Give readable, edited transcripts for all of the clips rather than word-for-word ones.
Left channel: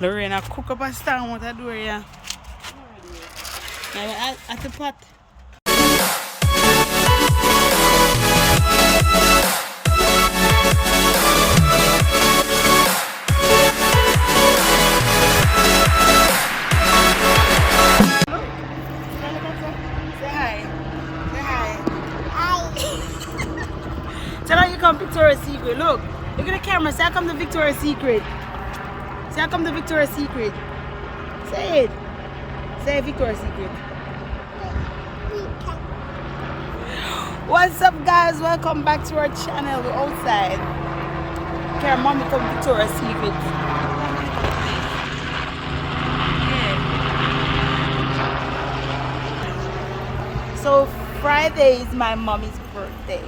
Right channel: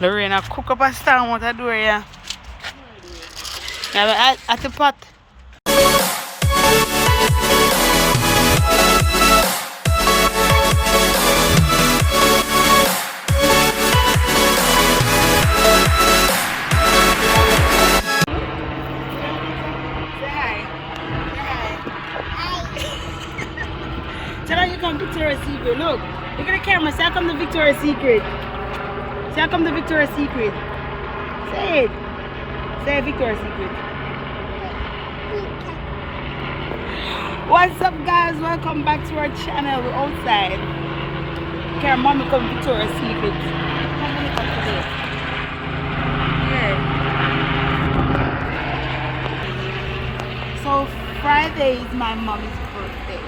Lorena cook up a storm what I do here. Yeah, at the pot. Tell her you come to Victoria's Secret. Look at the camera. Say I come to Victoria's Secret. Say I come to Victoria's Secret. Say it. Say Victoria's Secret. What's up, guys? Welcome back to our channel. We're outside. Okay, mommy come to Victoria's Secret. Yeah. So Friday is my mommy's birthday.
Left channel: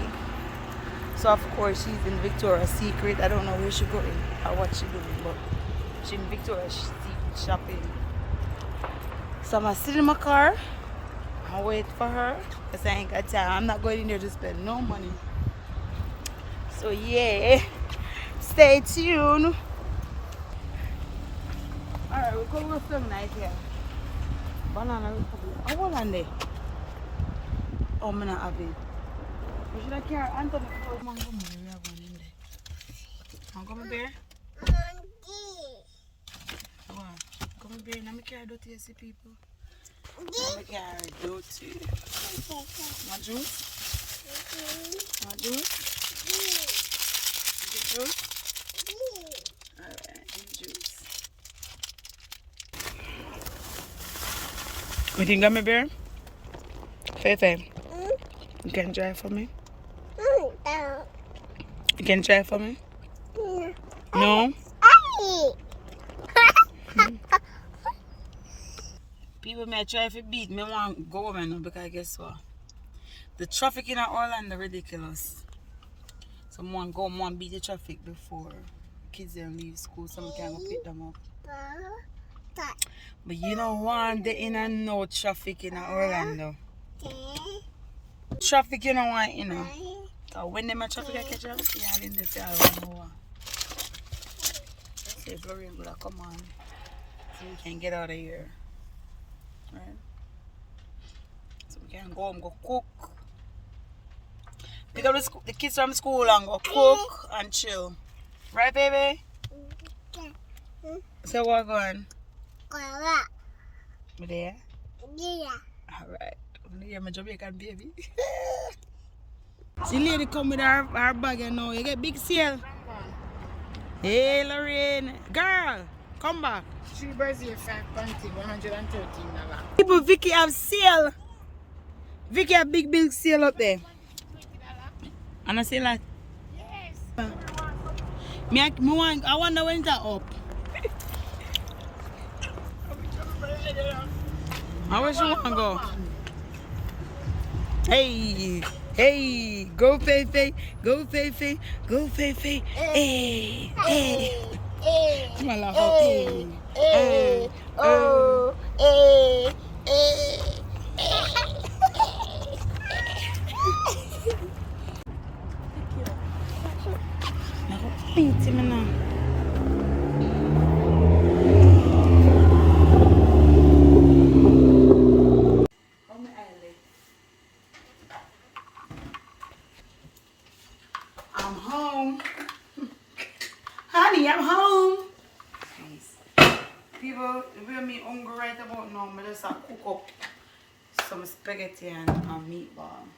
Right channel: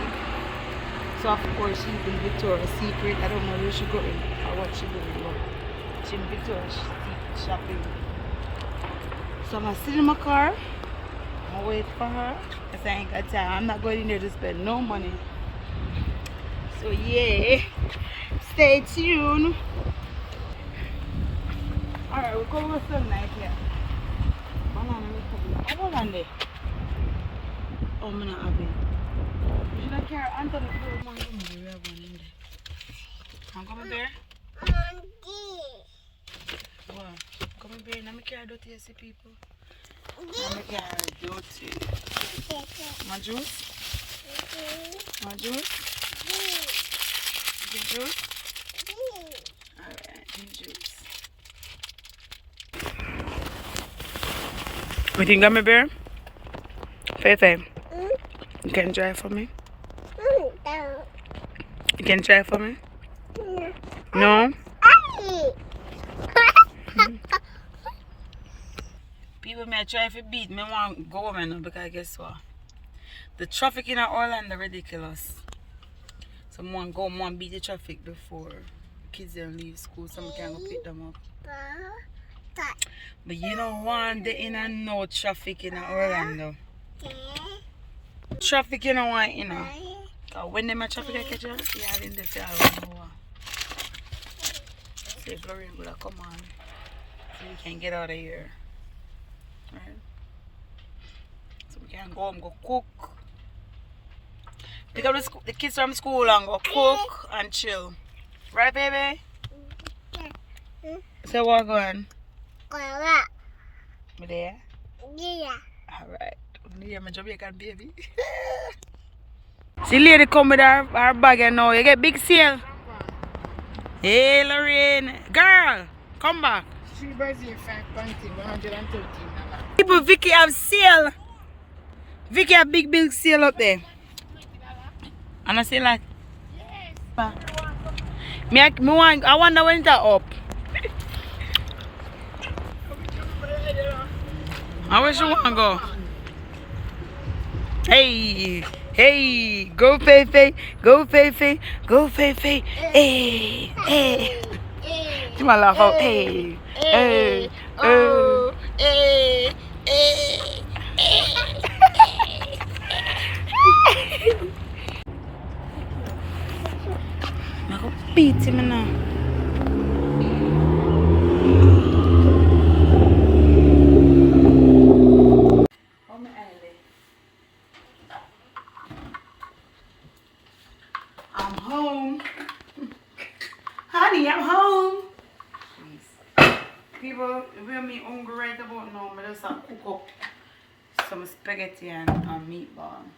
So of course she's in Victoria's Secret. I don't know where she going or what she doing, but she's in Victoria's Secret shopping. So I'm gonna sit in my car and wait for her because I ain't got time. I'm not going in there to spend no money. So yeah, stay tuned. Alright, we're going to go some night here. Banana Republic. I want on there. Oh, I'm not happy. We should have carried on to the floor. I'm coming there. Come here, let me carry dirty, see people. Let me carry dirty. My juice? My juice? Get juice? Alright, juice. You think I'm a bear? Fefe, you can drive for me? You can drive for me? No? People may try to beat me, want go home now because guess what? The traffic in Orlando ridiculous. So I want go home and beat the traffic before kids then leave school so I can go pick them up. But you don't want the in and no traffic in Orlando. Traffic you don't want, you know. So when they traffic I catch up, yeah, in the fair I don't know. Say Florian will come on. So we can get out of here. Right? So we can go home, go cook. Pick up the kids from school and go cook and chill. Right, baby? So what going? Me there? Yeah. Alright. Here my Jamaican baby. See lady come with her bag and now you get big sale. Hey Lorraine. Girl, come back. 3 birds here, 5 panty, 113. People, Vicky have sale. Vicky have big sale up there. And I say like, yes. I wonder when it's up. I wish you want to go. Hey, go Fefe, go Fefe, go Fefe. Hey. You might laugh out. Hey. Oh. Hey. I'm going to beat him now. I'm home. Honey, I'm home. Please. People will me hungry right about now, but just cook up some spaghetti and meatball.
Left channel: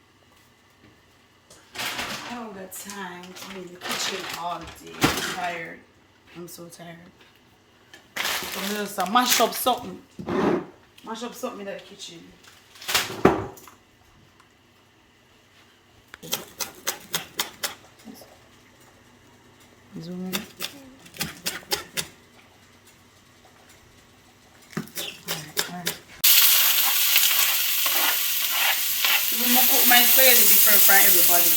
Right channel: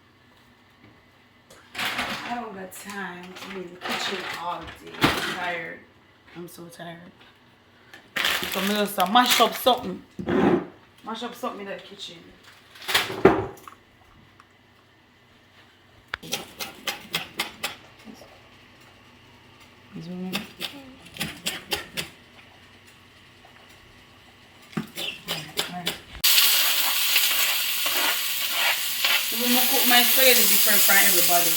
I don't got time to be in the kitchen all day. I'm tired. I'm so tired. So I'm just mash up something. Mash up something in the kitchen. Zoom in. I'm going to cook my spaghetti different for everybody.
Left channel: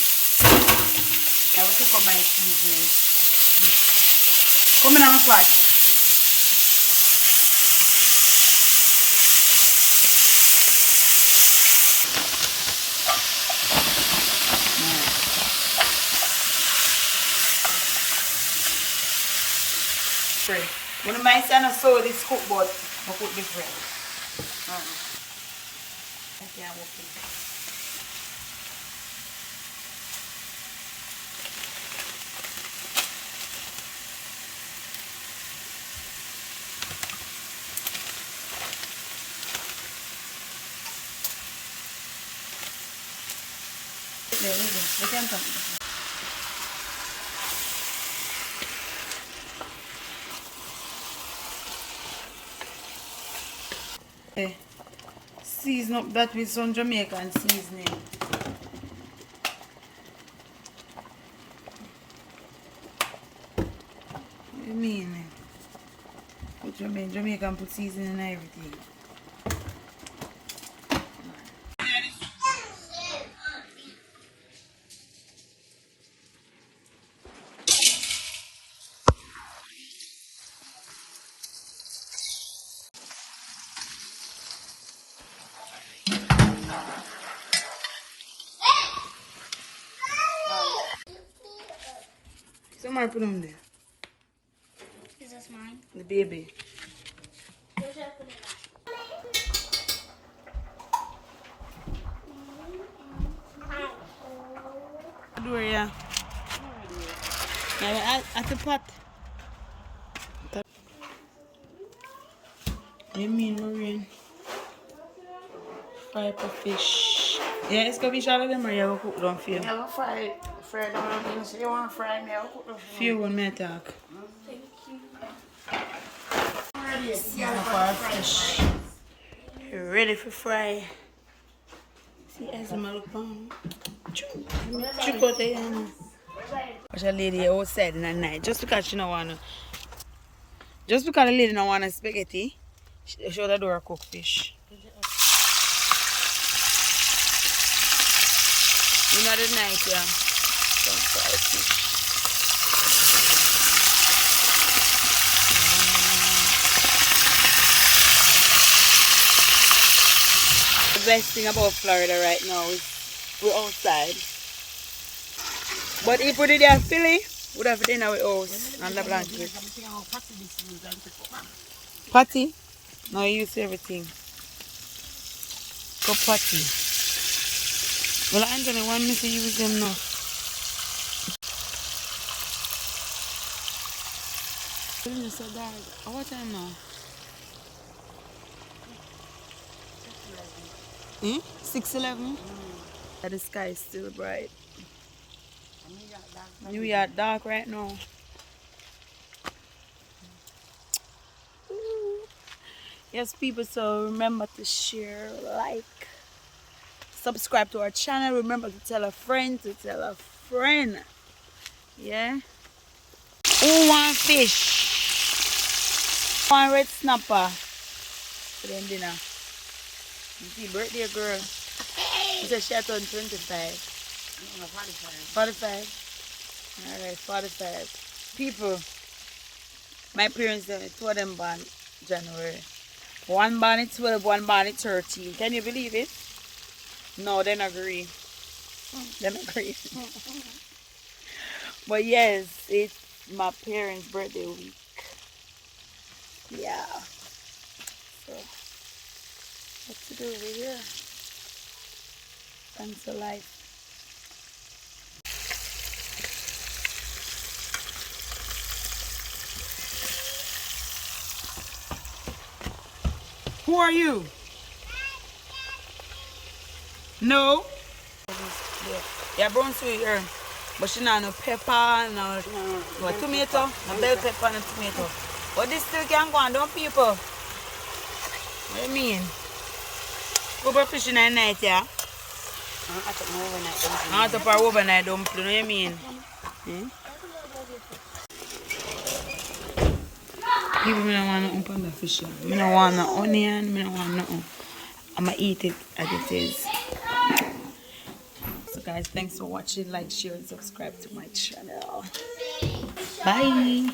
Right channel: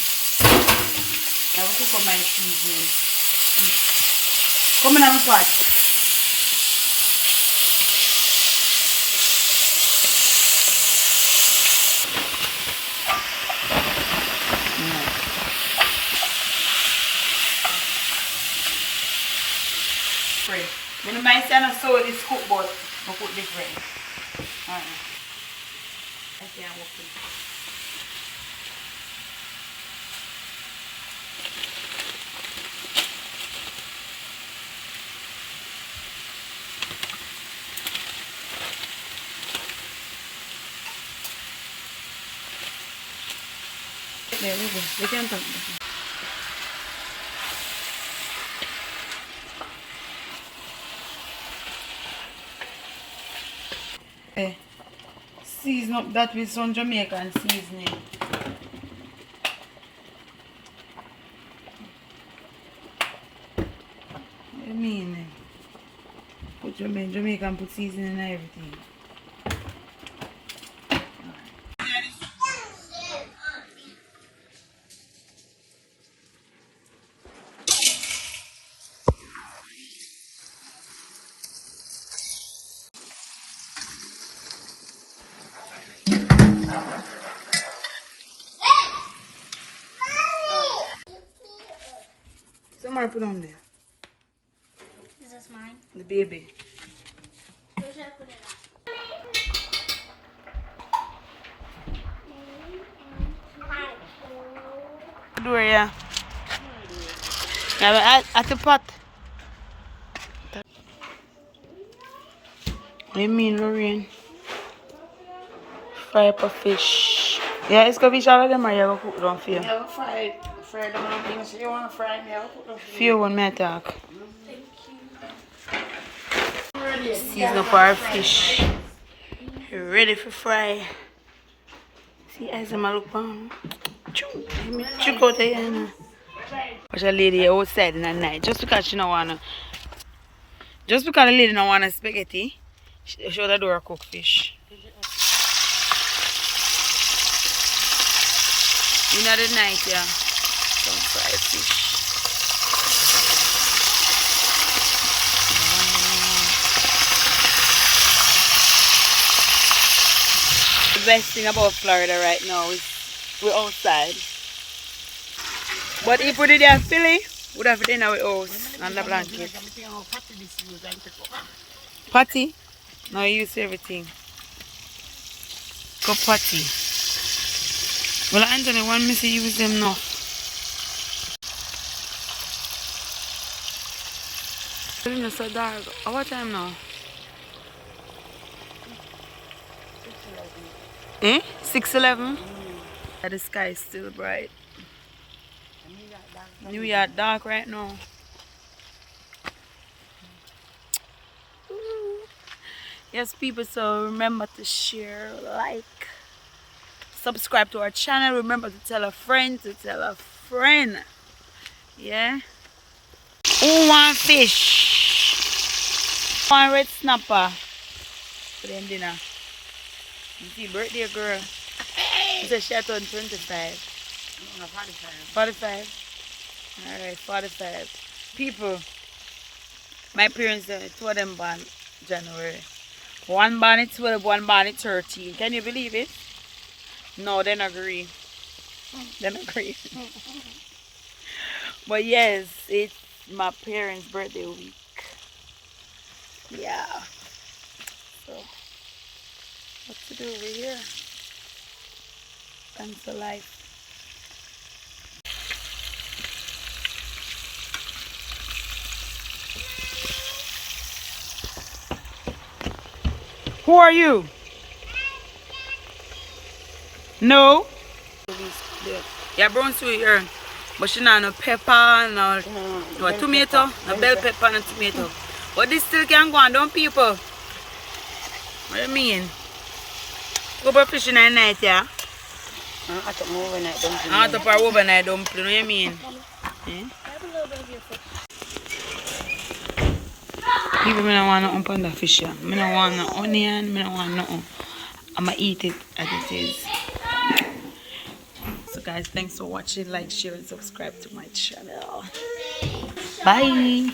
I will cook up my seasoning. Come in on my pot. Pray. When you might say I saw this cook, but I cook different. I can't walk in. There we go. They can't touch it. Season up that with some Jamaican seasoning. What do you mean? What you mean? Jamaican put seasoning and everything. Somebody put on there. Is this mine? The baby. Where should I put it at? Door, yeah. Yeah, at the pot. What do you mean, Lorraine? Fry up a fish. Yeah, it's gonna be all of them or you gonna cook down for you? Yeah, fry them on the inside. You want to fry me? I'll cook them for Few one may talk. Thank you. Season up our fish. Ready for fry. See, as I'm look on. Check out there. Watch a lady outside in the night. Just because she don't wanna. Just because the lady don't wanna spaghetti, she show the door cook fish. In the night, yeah. Some fried fish. The best thing about Florida right now is we're outside. But if we did have Philly, we'd have it in our house and the blanket. Patty? No, you use everything. Go patty. Well, Anthony, want me to use them now. It's so dark. What time now? Eh? 6:11? The sky is still bright. New York dark right now. Ooh. Yes, people, so remember to share, like, subscribe to our channel. Remember to tell a friend to tell a friend. Yeah? Who want fish? One red snapper for them dinner. You see, birthday girl. She said she had turned 25. 45. Alright, 45. People, my parents, two of them born January. One born at 12, one born at 13. Can you believe it? No, they don't agree. They don't agree. But yes, it's my parents' birthday week. Yeah. So, what to do over here? Thanks for life. Who are you? No. Yeah, brown sweet here. But she not no pepper, no tomato, no bell pepper, no tomato. But this still can go on, don't people? What do you mean? Go for fishing at night, yeah? I want to put overnight dumpling, what do you mean? People, I don't want nothing on the fish, yeah. I don't want no onion, I don't want nothing. I'm going to eat it as it is. So guys, thanks for watching. Like, share, and subscribe to my channel. Bye.